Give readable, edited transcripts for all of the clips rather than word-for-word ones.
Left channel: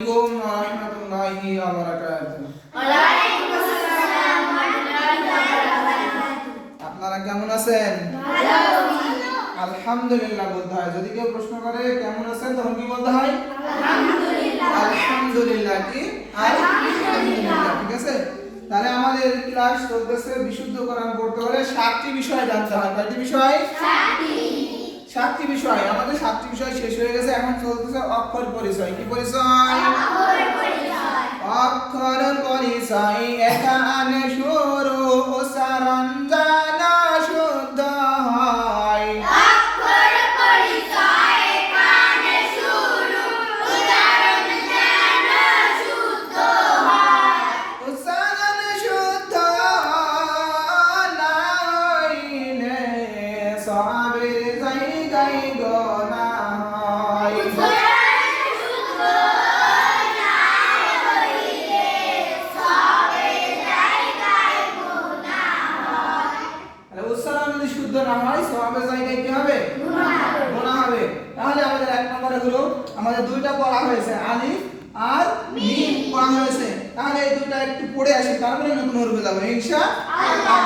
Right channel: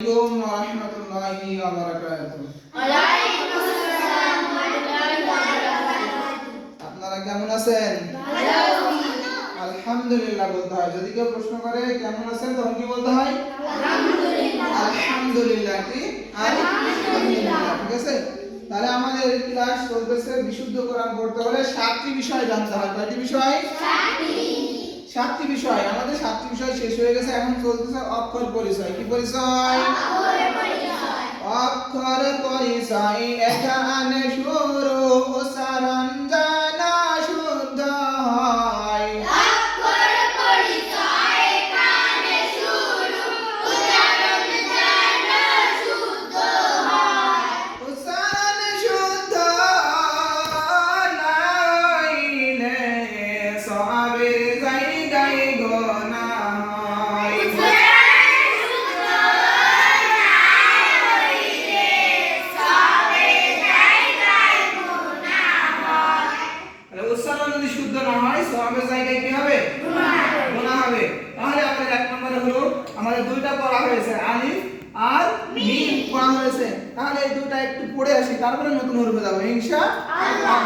আসসালামু আলাইকুম ওয়া রাহমাতুল্লাহি ওয়া বারাকাতুহু। আপনারা কেমন আছেন? আলহামদুলিল্লাহ বলতে হয়। যদি কেউ প্রশ্ন করে কেমন আছেন তখন কি বলতে হয়? আলহামদুলিল্লাহ। কি আলহামদুলিল্লাহ। ঠিক আছে, তাহলে আমাদের ক্লাস চলতেছে বিশুদ্ধ কোরআন পড়তে হলে 7টি বিষয় জানতে হয়। কয়টি বিষয়? 7টি বিষয়। আমাদের 7টি বিষয় শেষ হয়ে গেছে, এখন চলতেছে অক্ষর পরিচয়। কি পরিচয়? অক্ষর পরিচয়। এখানে শুরু উচ্চারণ জানা শুদ্ধ হয়। অক্ষর পরিচয়। এখানে শুরু উচ্চারণ জানা শুদ্ধ হয়। উচ্চারণ শুদ্ধ না হইলে সবের জায়গায় গোনা হয়। উচ্চারণ যদি শুদ্ধ না হয় সওয়াবের জায়গায় কি হবে? গুনাহ হবে। তাহলে আমাদের এক নম্বরে হলো আমাদের দুইটা পড়া হয়েছে, আলিফ আর মিম পড়া হয়েছে। তাহলে এই দুটো একটু পড়ে আসি, তারপরে নতুন হরফে যাব ইনশাআল্লাহ।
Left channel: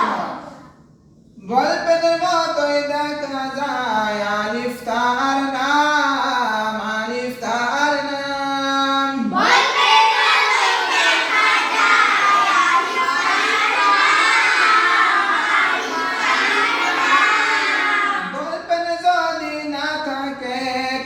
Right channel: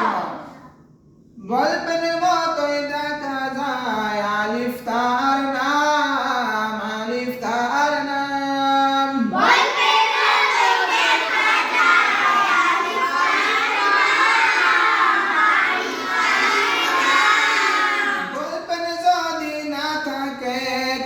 গল্পের মতোই দেখা যায় আলিফ তার নাম, আলিফ তার নাম। গল্পের যদি না থাকে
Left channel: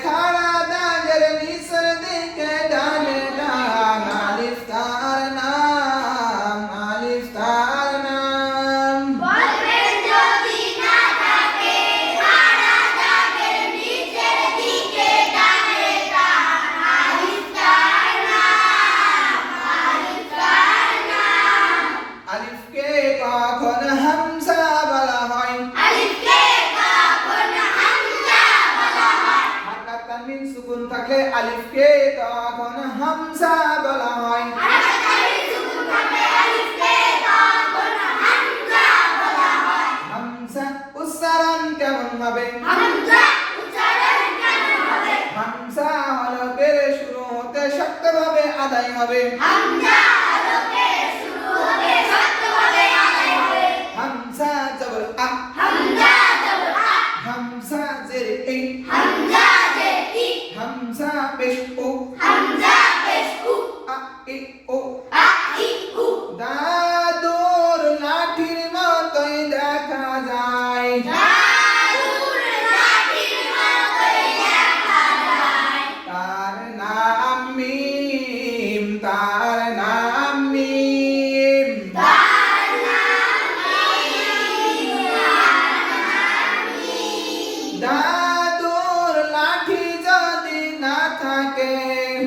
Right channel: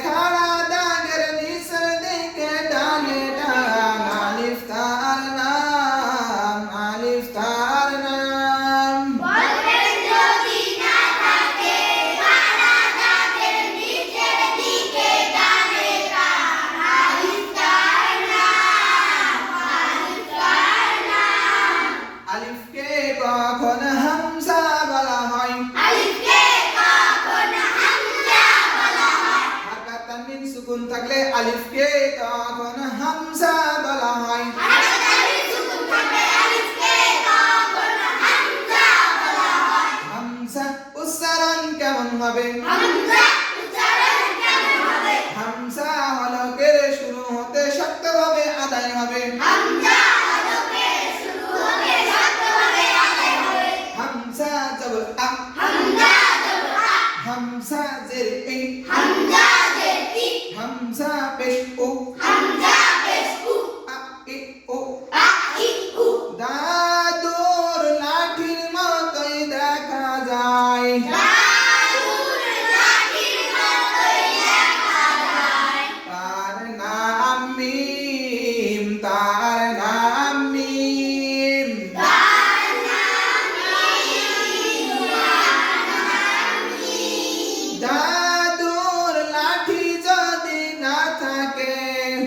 খাড়া দাগের নিচের দিকে ডানে ডান, আলিফ তার নাম, আলিফ তার নাম। গল্পের যদি না থাকে খাড়া দাগের নিচের দিকে ডানে ডান, আলিফ তার নাম, আলিফ তার নাম। আলিফকে কখন হামজা বলা হয়? আলিফকে কখন হামজা বলা হয়? হারকাত তানবিন সুকুন থাকলে আলিফকে তখন হামজা বলা হয়। হারকাত তানবিন সুকুন থাকলে আলিফকে কখন হামজা বলা হয়? হামজা উচ্চারণ কেমন হবে? হামজা উচ্চারণ কেমন হবে? হামজা হলকের শুরু হতে শক্তভাবে আদায় হবে। হামজা হলকে শুরু হবে শক্তভাবে আদায় হবে। হামজা জবর আ, হামজা জবর আ, হামজা জের ই, হামজা জের ই, হামজা পেশ উ, হামজা পেশ উ, আ ই উ। আ ই উ। দাদুর লাঠির মতোই দেখা যায়। দাদুর লাঠির মতোই দেখা যায়। তার নাম মিম, তার নাম মিম। তার নাম মিম, তার নাম মিম। দাদুর লাঠি যদি না থাকে,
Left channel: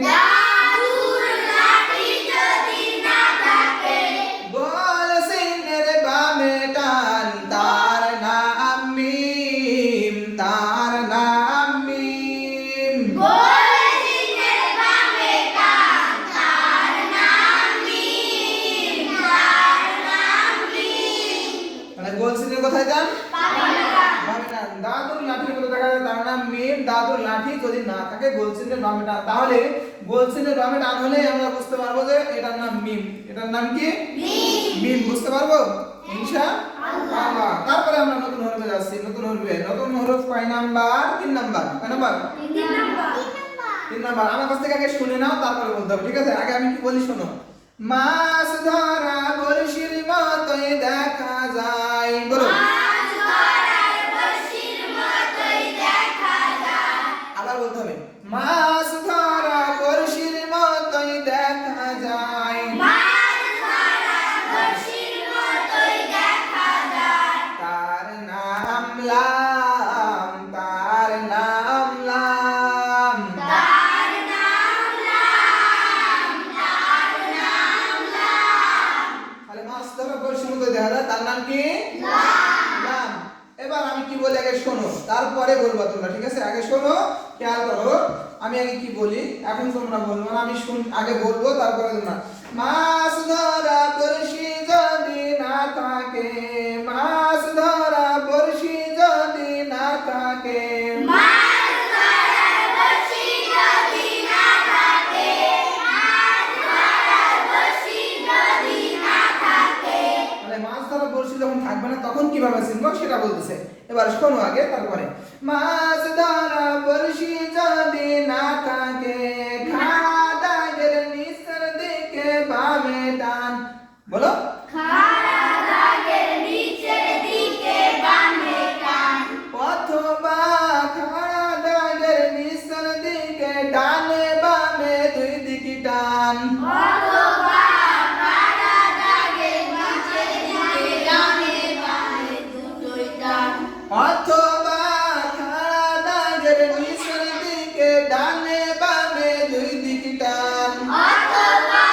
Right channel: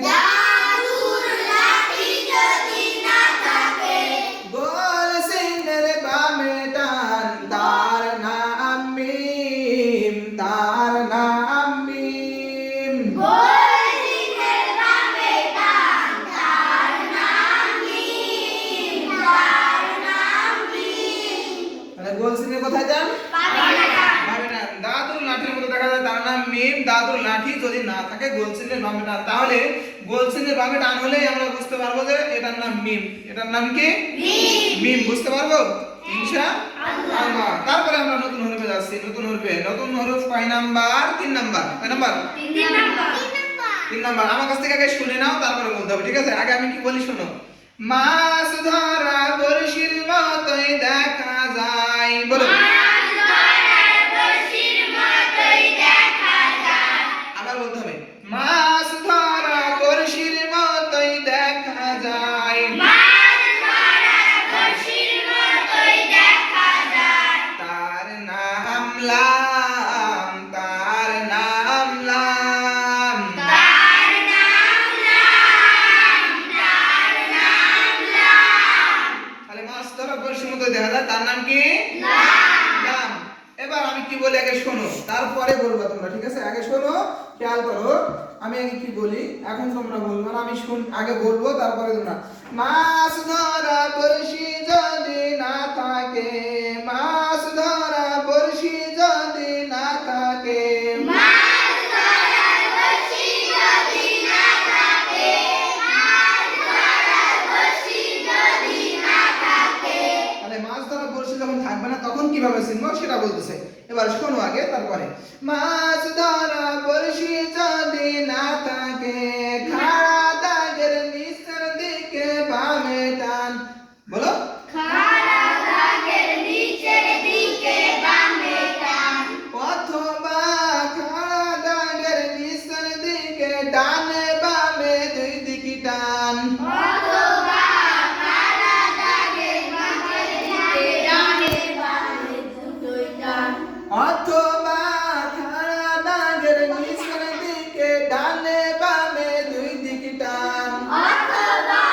দাদুর লাঠি যদি না থাকে, গোল সিনের বামে টান, তার নাম মিম, তার নাম মিম। গোল সিনের বামে টান, তার নাম মিম, তার নাম মিম। তাহলে গোল সিনের কোথায় যান? বামে টান। বামে টান। দাদুর লাঠির মতো দেখা যায়, তার নাম মিম। দাদুর লাঠি যদি না থাকে গোল চিহ্নের বামে টান। তাহলে গোল চিহ্নের বামে টান হলেই আমরা বুঝতে পারবো যে এটার নাম মিম। এটার নাম কি? মিম। মিম। বুঝতে পারবো ইনশাআল্লাহ। তারপরে আমরা নতুন হরফে যাচ্ছি। নতুন হরফে, নতুন হরফ কয় নাম্বার? 3 নাম্বার। কয় নাম্বার? 3 নাম্বার। 3 নাম্বার। আমার কাছ থেকে আগে শুনে নাও, তারপরে বলতে হবে, ঠিক আছে? আগে আমি কি বলি শোনো। মাছ ধরা বড়শির মতোই দেখা যায়। বলো। মাছ ধরার বড়শির মতোই দেখা যায়। আবার বলতে হবে, মাছ ধরা বড়শির মতোই দেখা যায়। মাছ ধরার বড়শির মতোই দেখা যায়। তার নাম লাম, তার নাম লাম। তার নাম লাম, তার নাম লাম। তাহলে মাছ ধরা বড়শির মতোই দেখা যায়, তার নাম কি? লাম। লাম। এবার আমি কি বলি আগে শোনো, তারপরে বলবো তোমরা, ঠিক আছে? আগে শোনো, খেয়াল করো। আমি আগে কি বলি, এখন তোমরা বলবো। আমি আগে বলবো, তারপরে তোমরা। মাছ ধরা বড়শি যদি না থাকে, মাছ ধরা বড়শি যদি না থাকে, মাছ ধরার বড়শি যদি না থাকে, কিভাবে চিনবো সেটা বলতেছে। এবার শোনো আগে, তারপরে মাছ ধরা বড়শি যদি না থাকে, খাড়া দাগের নিচের দিকে বামে টান। বলো, খাড়া দাগের নিচের দিকে বামে টান, অথবা খাড়া দাগের নিচের দিকে ডানে বামে দুই দিকে টান। অথবা খাড়া দাগের নিচের দিকে ডানে বামে দুটোই টান, অথবা খাড়া দাগের নিচের দিকে ডানে বামে দুই দিকে টান। অথবা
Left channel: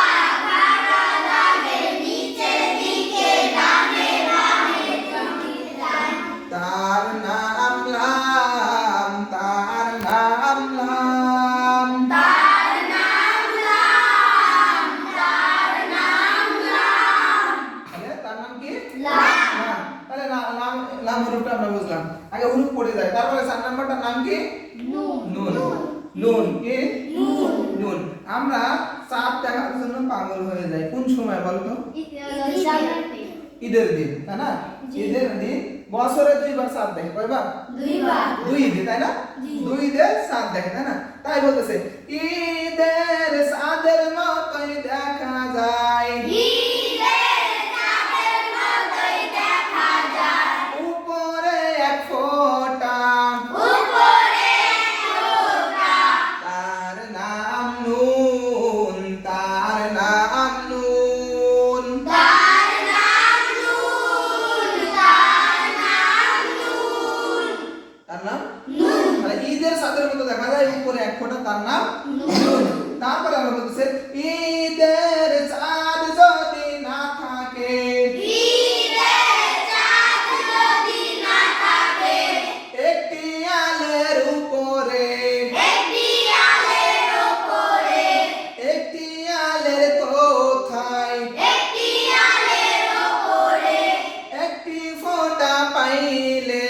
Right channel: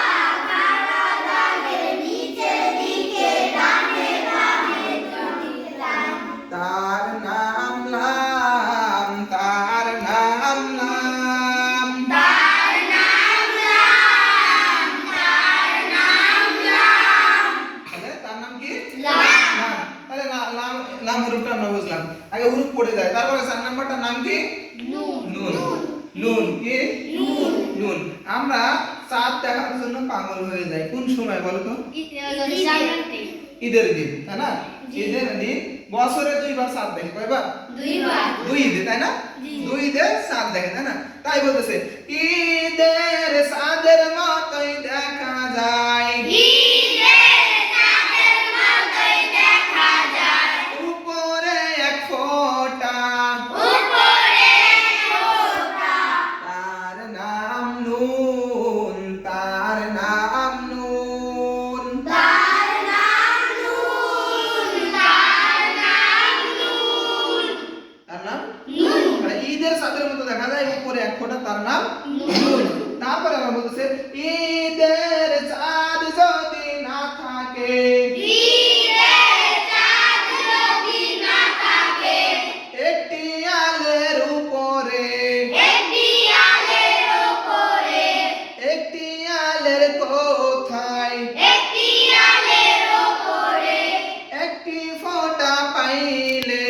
খাড়া দাগের নিচের দিকে ডানে বামে দুটোই টান। তার নাম লাম, তার নাম লাম। তার নাম লাম, তার নাম লাম, তাহলে তার নাম কি? লাম। লাম। তাহলে লাম, লাম হরফটা আমরা বুঝলাম। আগে হরফ পড়ে যায়, তারপরে 4 নাম্বারটার নাম কি? নুন, নুন। নুন কি? নুন। নুন। আমরা চাঁদ দেখার জন্য পাগল হয়ে যাই কোন সময় বলো তো? ঈদের দিন, তাই না? ঈদের দিন বছরে 2 বার চাঁদ দেখে, কয়বার? দুইবার। 2 ঈদে, তাই না? জি। 2 ঈদে চাঁদ দেখে, তাই না? তাই বলতেছে ঈদের চাঁদের মতোই দেখা যায়, ঈদের চাঁদের মতোই দেখা যায়, উপরে এক ফোঁটা, উপরে ফোঁটা। তার নাম নুন, তার নাম নুন। তার নাম নুন, তার নাম নুন, তার নাম নুন। মানে ঈদের চাঁদের মতো দেখা যায়, উপরে এক ফোঁটা, তার নাম নুন। নুন। তারপরে আমরা বলতেছে ঈদের চাঁদ যদি না থাকে, ঈদের চাঁদ যদি না থাকে, একটি আলের উপরে, একটি আলের উপরে, একটি আলের কোথায়, একটি আলের উপরে, একটি ফোঁটা পাইলে,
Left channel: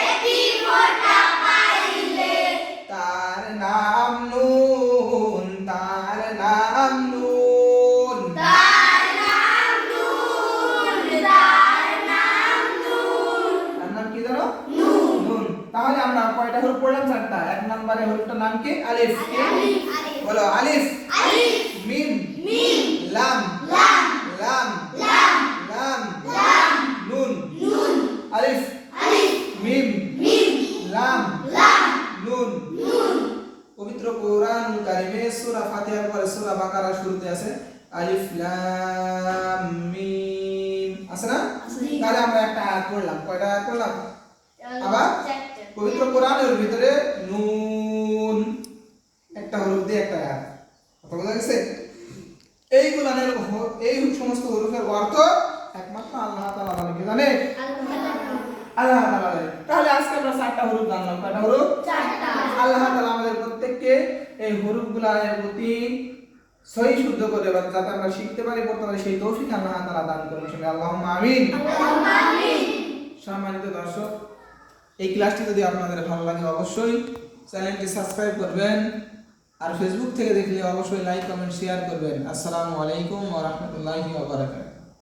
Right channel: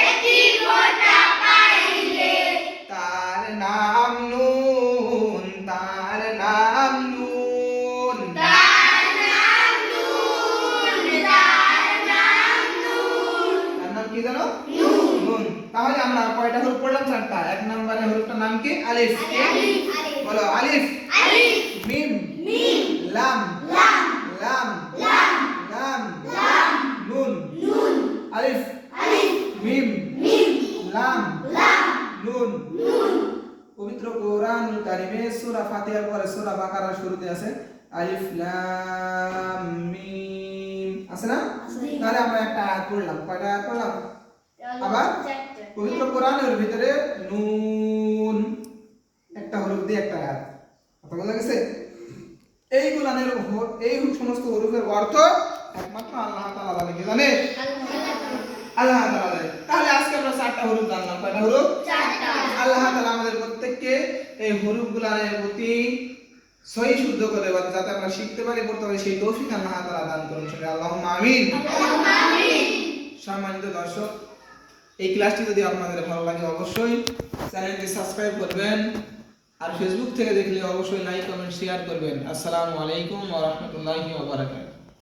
একটি ফোঁটা পাইলে, তার নাম নুন, তার নাম নুন। তার নাম নুন, তার নাম নুন, তার নাম কি জানো? নুন। নুন। তাহলে আমরা কয়টা হরফ পড়লাম? 4টা। 1 নম্বরের হরফটার নাম কি? আলিফ। আলিফ, বলো, আলিফ, আলিফ, মিম, মিম, লাম, লাম, লাম, লাম, লাম, লাম, নুন। নুন, আলিফ, আলিফ, মিম, মিম, লাম, লাম, নুন। নুন। পবিত্র কোরআনুল কারীমে সূরা ফাতিহার পরে সূরা বাকারার শুরুতে আছে আলিফ লাম মিম, আছে না? তাহলে আমরা একটা আয়াত পড়লাম। কয়টা আয়াত পড়লাম? আবার পবিত্র কোরআনের ভিতরে নুন একটা হরফ দিয়ে একটা আয়াত। কথা বোঝা গেছে? এই কোরআনের এই সমস্ত হরফের অর্থ একমাত্র আল্লাহ তাআলা জানে। কি জানে? আল্লাহ তাআলা জানে। তাহলে আজকে আমরা 4টা হরফ জানলাম। কয়টা হরফ? চারটা। আল্লাহ তাআলা আমাদের প্রত্যেককে এই হরফগুলোর প্রতি সহি শুদ্ধ করে দেবেন, যাতে আমরা শিখতে পারি, পড়তে পারি, সেই তৌফিক আল্লাহ তাআলা দান করুন। সবাই আল্লাহুম্মা আমিন। আমিন। সম্মানিত দর্শক, এই ক্লাসটি যদি আপনাদের ভালো লাগে অবশ্যই চ্যানেলটি সাবস্ক্রাইব করবেন, আর ফেসবুক থেকে দেখলে অবশ্যই লাইক, কমেন্ট, শেয়ার করবেন। আসসালামু আলাইকুম ওয়া রাহমাতুল্লাহি ওয়া বারাকাতুহু।